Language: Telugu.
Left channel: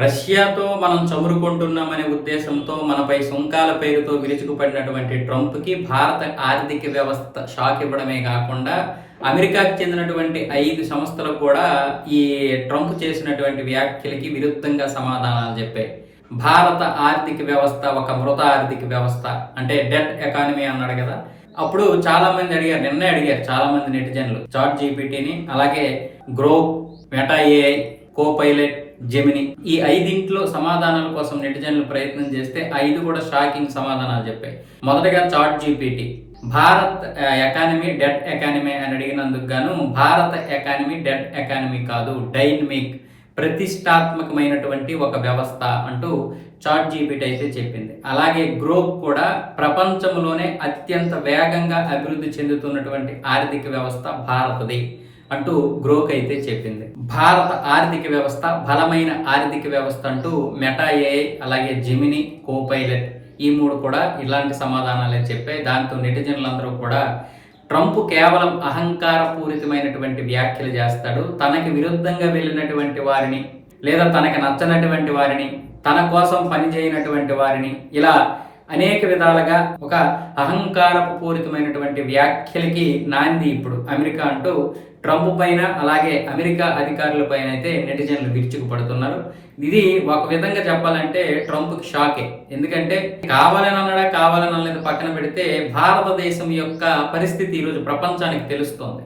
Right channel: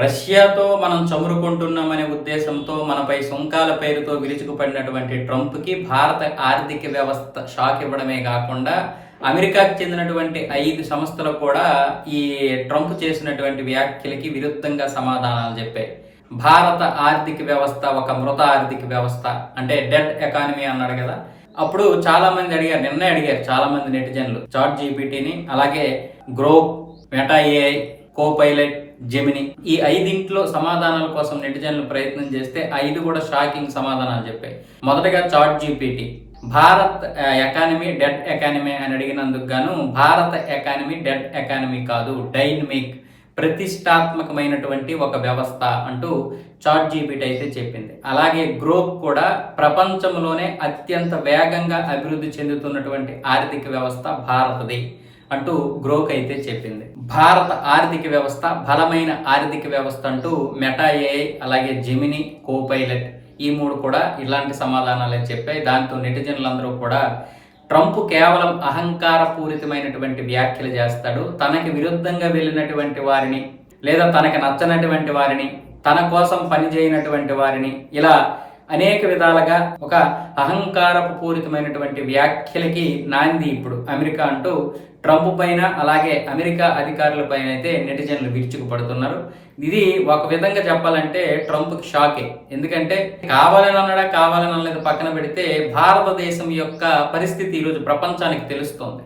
రష్యాతో మనం చమురుకుంటున్నామనే ఉద్దేశంతో మనపై సుంకాల పేరుతో విరుచుకుపడినటువంటి ట్రంప్కి భారత ఆర్థిక వ్యవస్థ షాక్ ఇవ్వడమే కాకుండా అమెరికాకు చెందినటువంటి ఐదు సంస్థలు కూడా ఈ ట్రంప్ చేసినటువంటి వ్యాఖ్యలకి విరుద్ధంగా సమాధానాలు చెప్పాయి. భారత ఆర్థిక వ్యవస్థ ఒక మృత ఆర్థిక వ్యవస్థ అంటే డెట్ ఎకానమీ అన్నాడు కదా. అప్పుడు చాలా మంది అడిగారు నిన్నే అడిగారు చాలా మంది నెటిజన్లు చాట్ జీపీటీని అలాగే Grok Meta AI Copilot Gemini ఈ ఐదింట్లో సమాధానాల కోసం నెటిజన్లు ప్రయత్నం చేస్తే ఐదు కూడా షాకింగ్ సమాధానాలు చెప్పాయి. మొదటగా chat GPT Bharat economy debt economy అని అడిగినందుకు గాను భారత ఎకానమీ డెట్ ఎకానమీ కాదు డైనమిక్ ప్రతిష్టాత్మకమైనటువంటి ఒక వ్యవస్థ అంటూ చాట్ జీపీటీ అయితే చెప్పింది. అలాగే గ్రోక్ కూడా ప్రపంచంలోనే అత్యంత వేగంగా అభివృద్ధి చెందుతున్నటువంటి ఆర్థిక వ్యవస్థ భారతది. అంటూ గ్రోక్ అయితే చెప్పింది. భారత ఆర్థిక వ్యవస్థ బలమైన ఆర్థిక వ్యవస్థ అంటూ మెటా ఏఐ అలాగే జెమిని కోపైలట్ ఈ మూడు కూడా ఇలాంటి సమాధానాలే చెప్పాయి. దాంతో నెటిజన్లందరూ కూడా ట్రంప్ కేవలం అహంకారపూరితమైనటువంటి వ్యాఖ్యలు చేస్తాడు. తనకి విరుద్ధంగా వెళ్ళినటువంటి వారిని లేదా తనకి నచ్చనటువంటి వారిని తన కోసం పనిచేయనటువంటి వారిని ఇలా అనేక విధాలుగా ఒక అహంకారపు పూరితమైనటువంటి వ్యాఖ్యలకి నాంది ఇప్పుడు అమెరికా అంటూ ట్రంప్ పైన అలాగే అమెరికా అధికారుల పైన అయితే నెటిజన్లు విరుచుకుపడుతున్నారు. ఇది ఒక విధంగా చెప్పాలంటే ట్రంప్కి షాకే. ఎందుకంటే కావాలని అన్నాడా కావాలని అనలేదు పక్కన పెడితే భారతదేశం యొక్క పరిస్థితి ఈరోజు ప్రపంచానికి తెలుస్తోంది.